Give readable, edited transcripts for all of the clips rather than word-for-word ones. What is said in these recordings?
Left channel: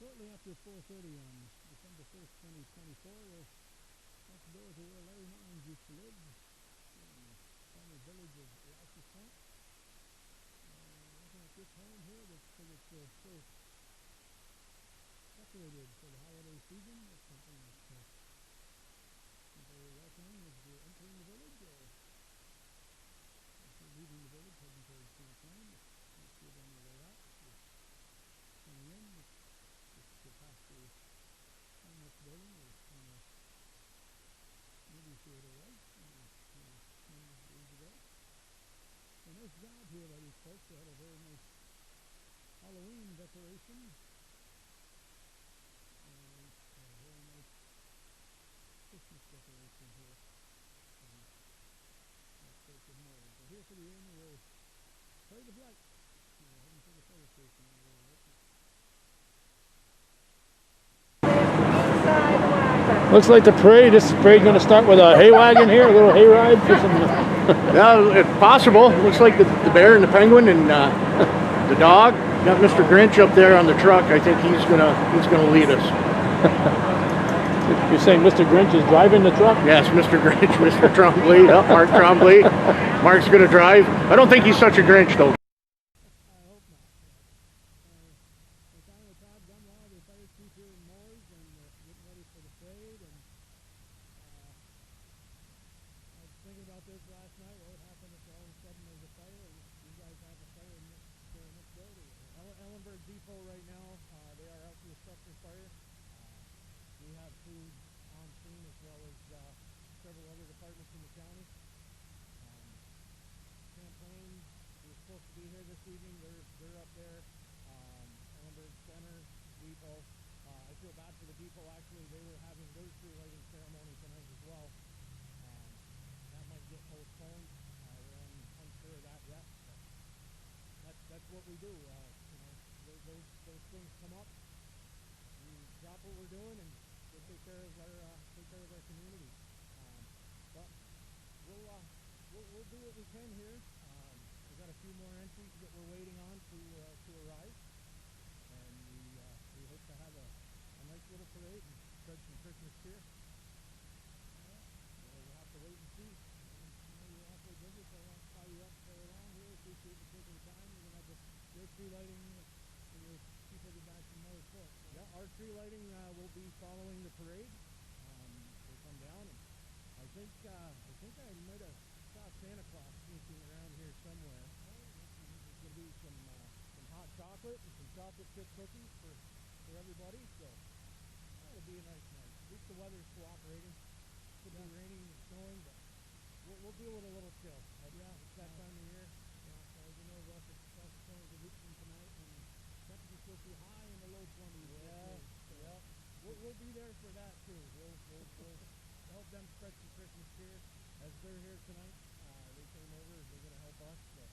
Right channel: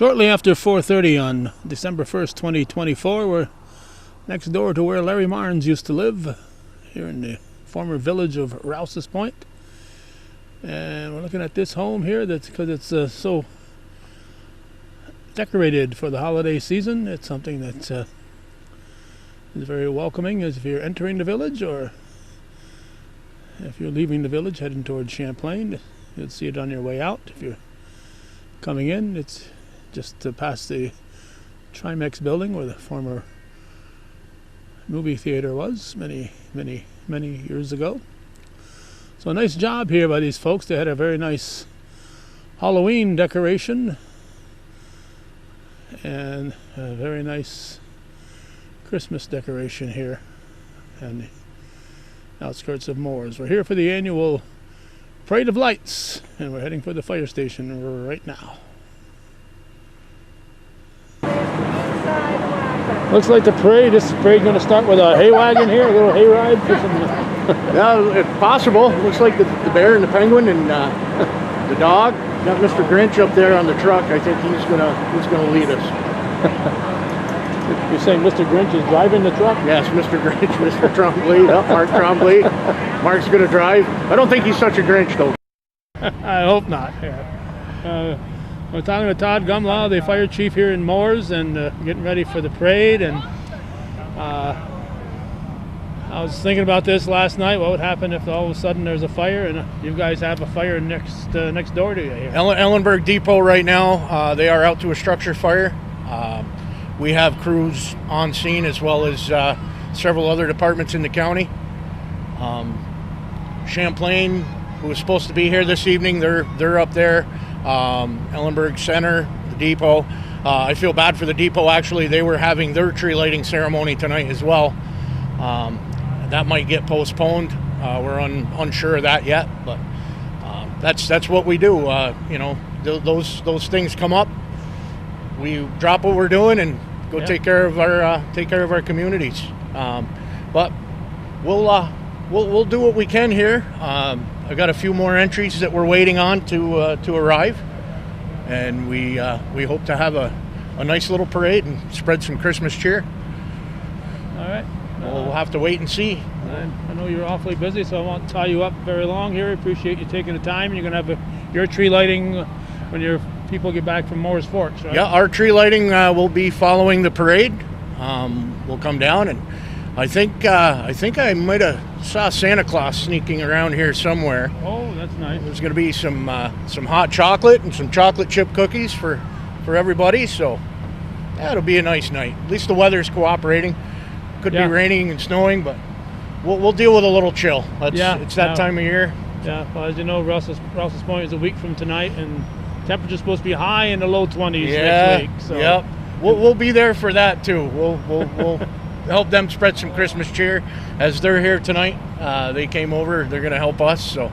Shortly after 4:30 on December 1st, 2024, we're next door to where Larry Marnes used to live, here in the former village of Rouses Point. And we're looking at this home here because it's so decorated for the holiday season. It's something that is very welcoming as if you're entering the village, or if you're leaving the village heading towards Champlain. You'll see it on your way out. If you're coming in, it's just past the Trimex building where the former movie theater was many years ago. So a nice job here by these folks. They had a very nice Halloween decoration and a very nice Christmas decoration here on the outskirts of Mooers. We're here for the annual Parade of Lights, and we're heading for the fire station right now. Looks like the parade. This parade going to start with a hay wagon here, a little hay ride for some. Yeah, if possible. Looks like the bear and the penguin and the dog. Got Mr. Grinch up there on the truck. I think he's gonna lead us. You're saying Mr. Grinch is driving the truck? Yes, Mr. Grinch, Mr. Trombley, Mark Trombley. Mark's gonna drive. I don't think he's such a Grinch though. I hope not. Yeah. We're talking with Todd Gumlaw, the fire chief here in Mooers, and getting ready for the parade. And I was thinking about this last night. What would happen if all of a sudden there's a fire, and you guys have a fire next door to you here? Ellenburg Depot right now, they are out to a structure fire. We have crews on scene as well as several other departments in the county. Champlain, who was supposed to be here this evening, they're up there. Ellenburg Center, the depot. I feel bad for the depot, actually. They were having their tree lighting ceremony tonight as well. That might get postponed. We're unsure of that yet, but that's what we do. Those things come up. We drop what we're doing and go take care of our communities. But we'll do what we can here. I've got a few more entries that we're waiting on to arrive, and we hope to have a nice little parade and spread some Christmas cheer. All right. We'll have to wait and see. I know you're awfully busy, so I won't tie you up very long here. Appreciate you taking the time. You're going to have your tree lighting when your people get back from Mooers Forks, right? Yeah, our tree lighting will be following the parade. We'll come down, and I think I might have saw Santa Claus sneaking around here somewhere. Oh, that's nice. There's going to be some hot chocolate and some chocolate chip cookies for everybody. So yeah, it'll be a nice night. At least the weather's cooperating. Could be raining and snowing, but we'll deal with a little chill. It's that time of year. Yeah, well, as you know, Rouses Point is a week from tonight, and temperature's supposed to be high in the low 20s next week. So. Yep. We'll be there for that too. We'll help them spread some Christmas cheer as they're here tonight. They came over. They're going to help us, so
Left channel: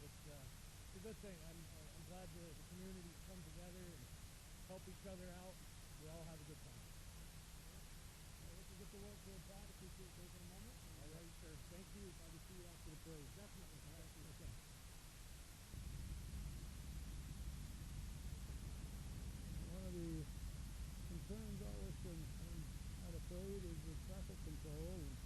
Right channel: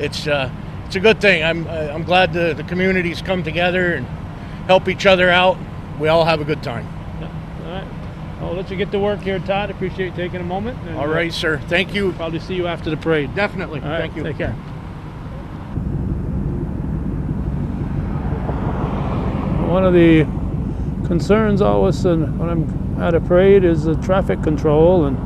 it's a good thing. I'm glad the communities come together and help each other out. We all have a good time. Yeah. All right. I'll let you get to work here, Todd. Appreciate you taking a moment. And, all right, sir. Thank you. Probably see you after the parade. Definitely. All right. Thank you. Take care. One of the concerns always when I'm at a parade is the traffic control, and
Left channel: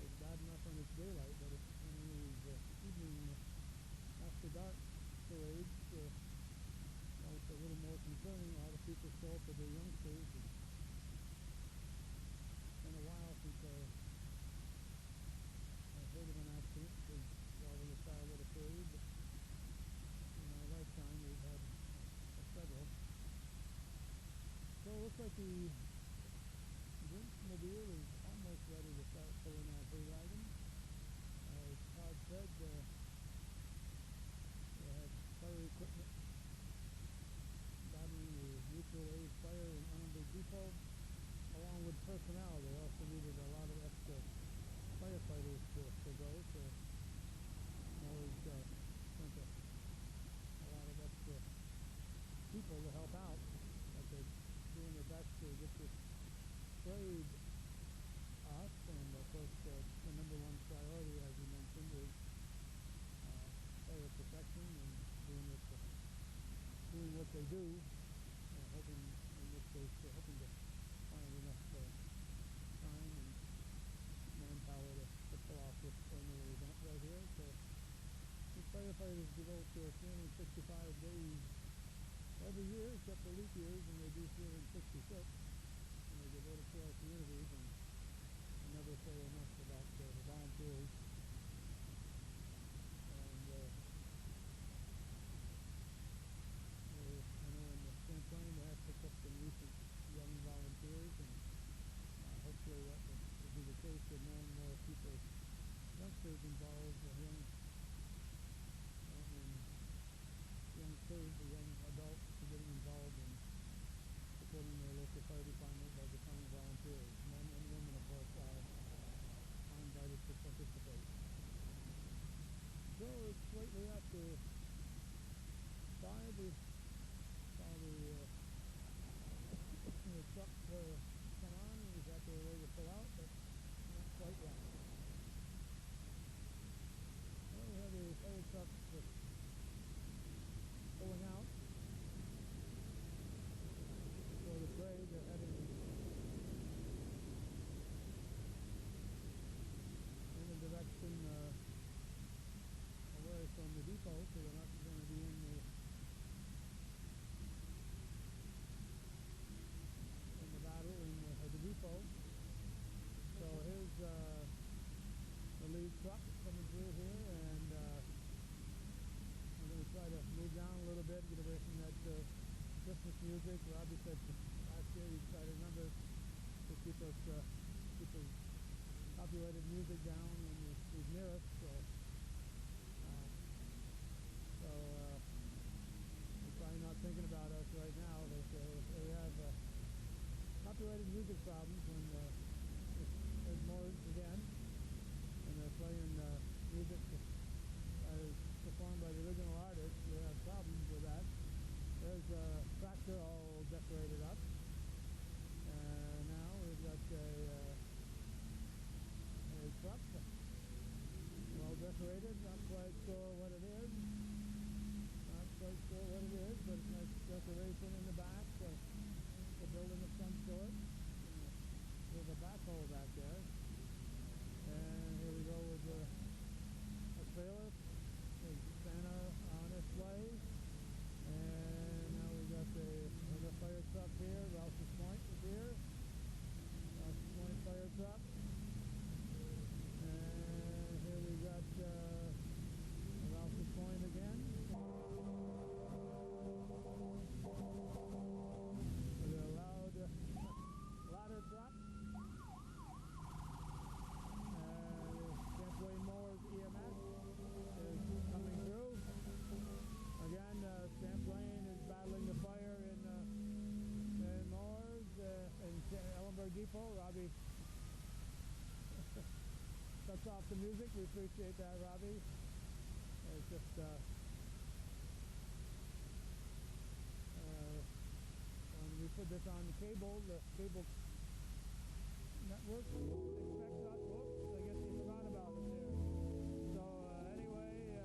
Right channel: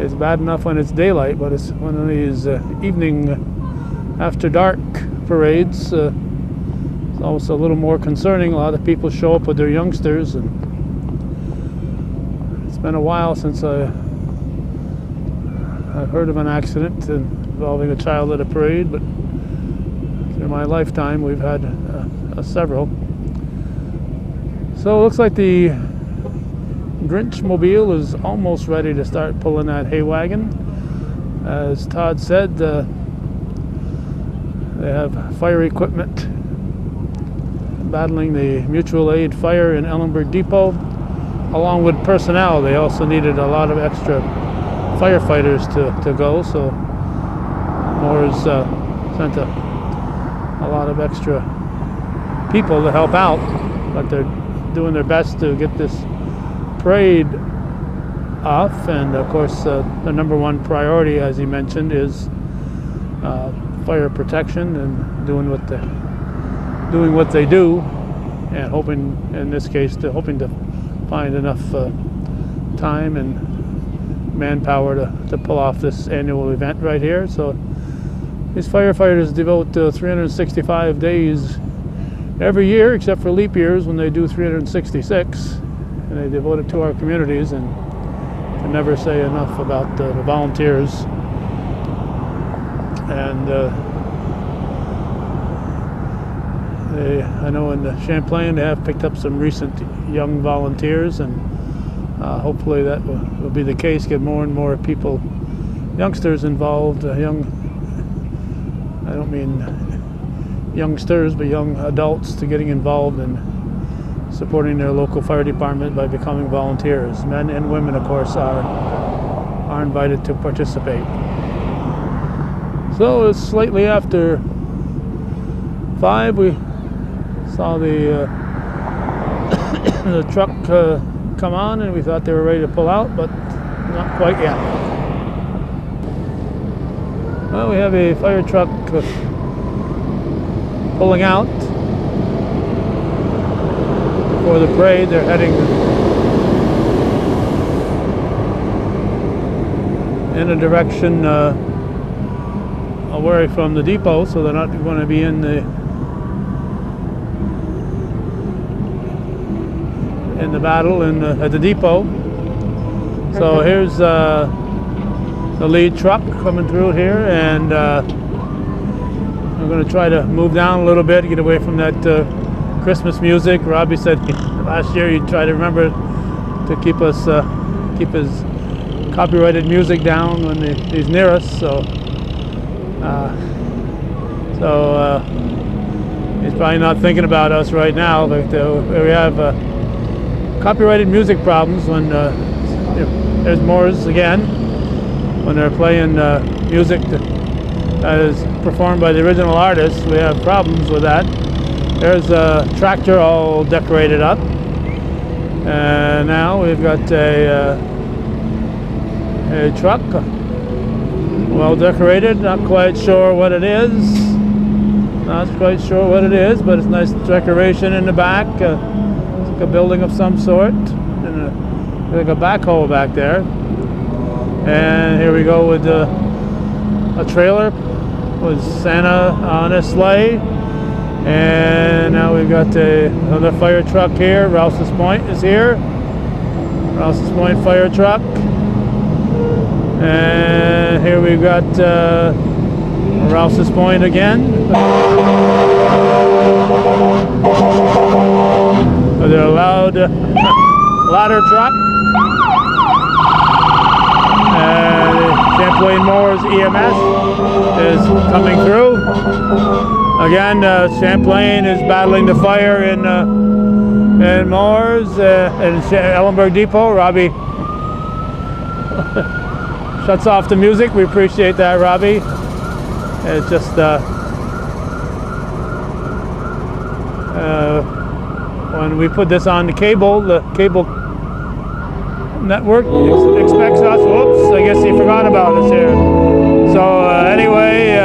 it's bad enough when it's daylight, but it's one of these evening after dark parades. It's always a little more concerning. A lot of people show up with their youngsters, and it's been a while since I've heard of an accident involving a child at a parade, but in my lifetime we've had several. So it looks like the Grinch mobile is almost ready to start pulling that hay wagon. As Todd said, they have fire equipment battling the mutual aid fire in Ellenburg Depot, along with personnel. They also needed a lot of extra firefighters to go, so Mooers sent a lot of extra people to help out, but they're doing their best to get this parade off. And of course, the number one priority, as he mentioned, is fire protection and doing what doing what they do, and hoping, in this case, hoping to find enough time and manpower to pull off this annual event right here. So these firefighters devote 365 days every year, except for leap years when they do 366, and they devote it to our communities. And can never say enough about the volunteers. And I know in Champlain they have picked up some recent young volunteers, and hopefully that will be the case, get more and more people, youngsters involved, I don't mean youngsters, but young adults, to getting involved in supporting their local fire department by becoming volunteers. Men and women, of course, are invited to participate. So it's slightly after 5. We saw the the truck come on, and we thought they were ready to pull out, but not quite yet. Well, we have a fire truck pulling out for the parade. They're heading in a direction away from the depot, so they're not going to be in the battle at the depot. So here's the lead truck coming through here, and we're going to try to move down a little bit, get away from that Christmas music. Robbie said last year he'd try to remember to keep his copyrighted music down when he's near us. So he's probably not thinking about us right now, but we have copyrighted music problems when there's Mooers again, when they're playing music that is performed by the original artist. We have problems with that. There's a tractor all decorated up, and now we've got a truck well decorated. Not quite sure what it is. Not quite sure what it is, but it's nice decoration in the back. It's like a building of some sort, and like a backhoe back there. And here we go with a trailer with Santa on a sleigh. And now we've got another fire truck here. Rouses Point is here. Rouses Point fire truck. And here we've got Rouses Point again. With a loud ladder truck. Champlain Mooers EMS is coming through. Again, Champlain is battling the fire in Mooers and Ellenburg Depot. Robbie shuts off the music. We appreciate that, Robbie. It's just when we put this on the cable network expects us. Whoops, I guess he forgot about us here. So anyway,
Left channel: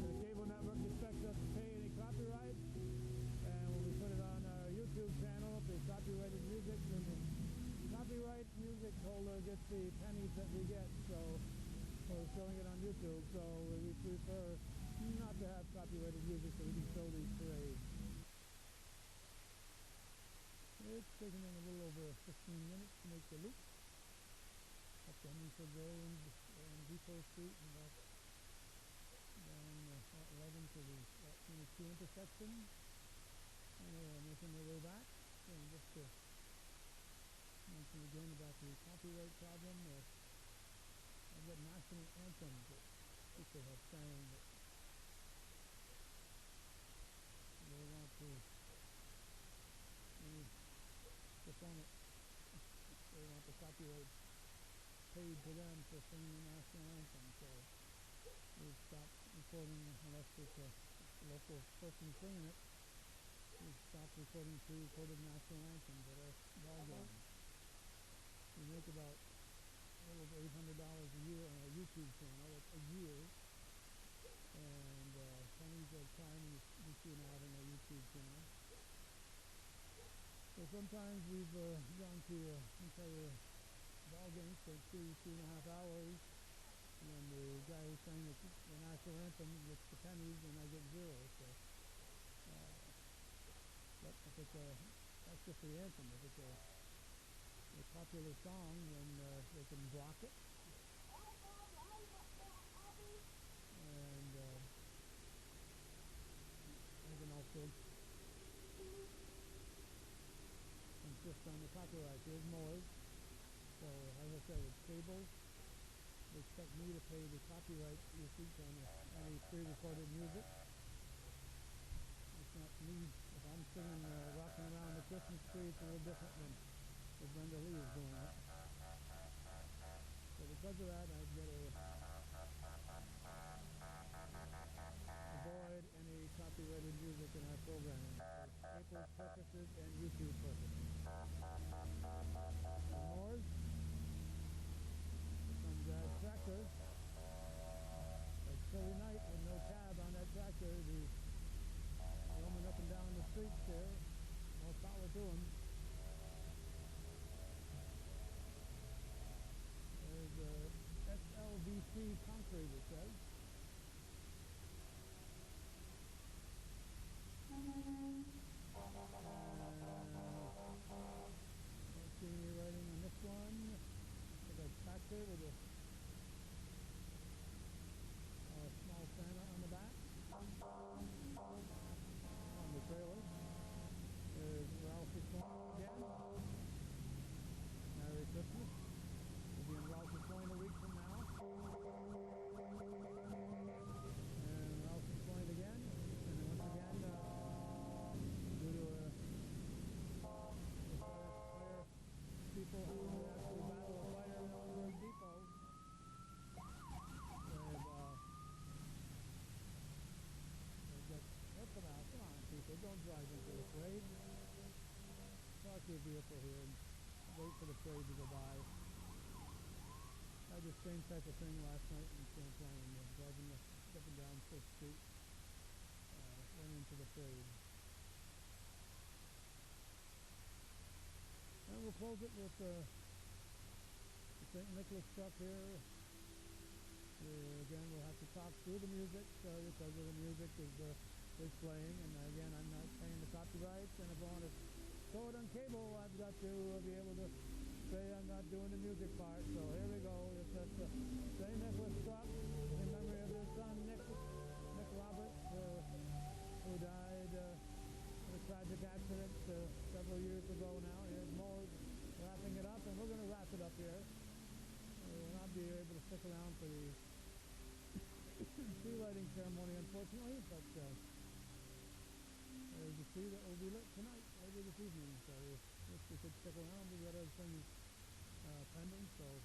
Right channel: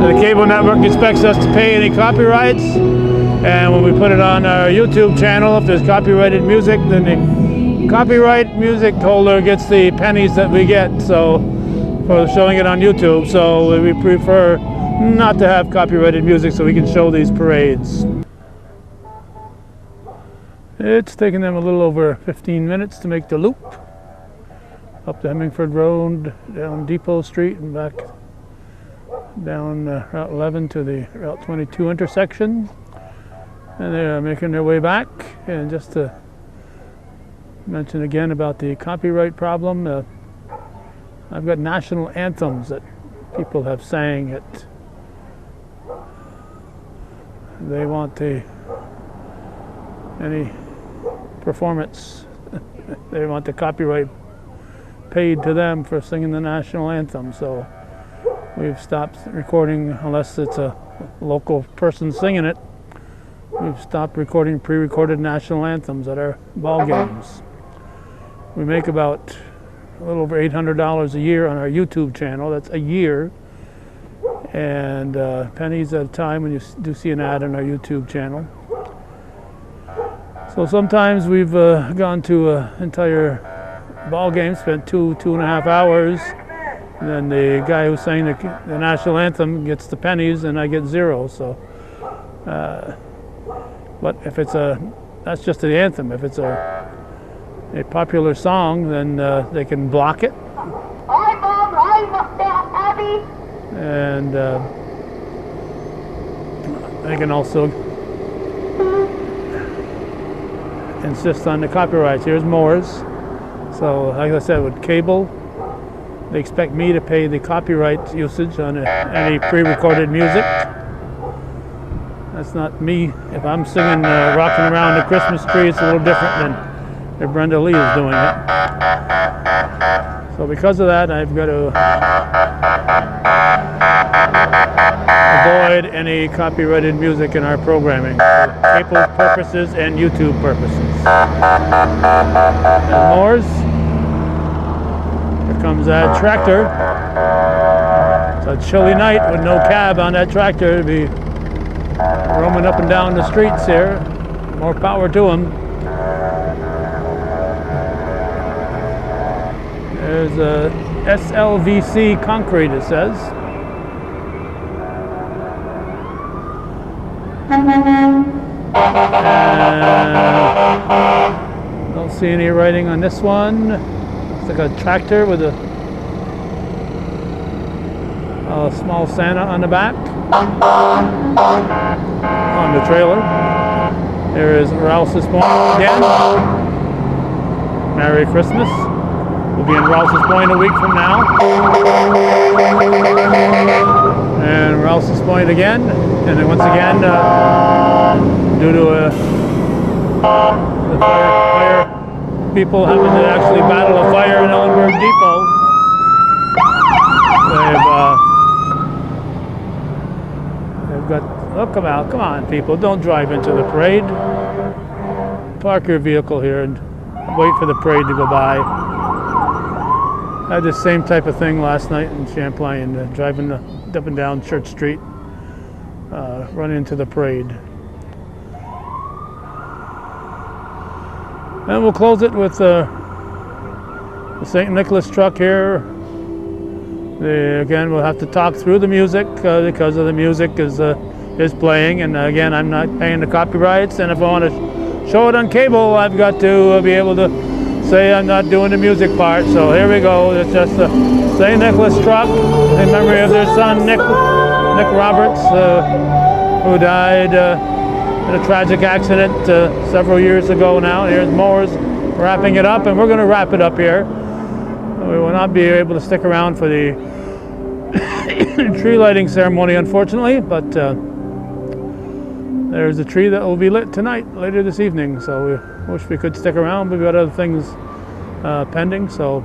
the cable network expects us to pay any copyrights, and when we put it on our YouTube channel, if there's copyrighted music, then the copyright music holder gets the pennies that we get, so for showing it on YouTube. So we prefer not to have copyrighted music so we can show these parades. It's taken them a little over 15 minutes to make the loop up the Hemingford Road, down Depot Street, and back down Route 11 to the Route 22 intersection. And they're making their way back. And just to mention again about the copyright problem, I've got national anthems that people have sang at. They want any performance, they want the copyright paid to them for singing the national anthem. So we've stopped recording unless it's a local person singing it. We've stopped recording pre-recorded national anthems at our ball games. We make about a little over $800 a year on our YouTube channel. That's a year. and pennies at a time when you do see an ad on our YouTube channel. So sometimes we've gone to an entire ball game, spent 2.5 hours, and then the guy who sang the national anthem gets the pennies and I get 0. So, but if it's that's just the anthem. If it's a popular song, then they can block it. And they can also insist on the copyrights. Here's Mooers. So, like I said, with cable, they expect me to pay the copyright usage on any pre-recorded music. That's not me. If I'm singing Rocking Around the Christmas Tree, it's a little different than if Brenda Lee is doing it. So because of that, I've got to avoid any copyrighted music in our programming for cable purposes and YouTube purposes. And Mooers. Here comes that tractor. It's a chilly night with no cab on that tractor to be roaming up and down the streets here. More power to him. There's a SLVC concrete, it says. Don't see any writing on this one. It's like a tractor with a small Santa on the back on the trailer. There is Rouses Point again. Merry Christmas. We'll be in Rouses Point a week from now. And Rouses Point again. And then once again, due to the fire people having to actually battle a fire in Ellenberg Depot, they've got, oh, come on people, don't drive into the parade. Park your vehicle here and wait for the parade to go by. I had the same type of thing last night in Champlain, driving up and down Church Street, running into the parade. And we'll close it with the St. Nicholas truck here. Again, we'll have to talk through the music because of the music is playing, and again, I'm not paying the copyrights, and if I want to show it on cable, I've got to be able to say I'm not doing the music part. So here we go. It's just a St. Nicholas truck in memory of their son Nick Roberts, who died in a tragic accident several years ago now. Here's Mooers wrapping it up, and we're going to wrap it up here. We will not be able to stick around for the tree lighting ceremony, unfortunately, but there's a tree that will be lit tonight, later this evening, so we wish we could stick around. We've got other things pending, so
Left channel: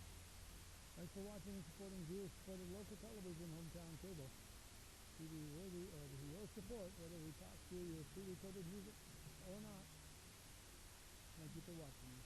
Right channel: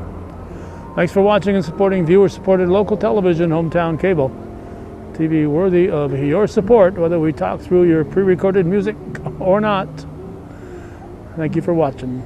thanks for watching and supporting viewer-supported local television, hometown cable. TV worthy of your support, whether we talk through your pre-recorded music or not. Thank you for watching.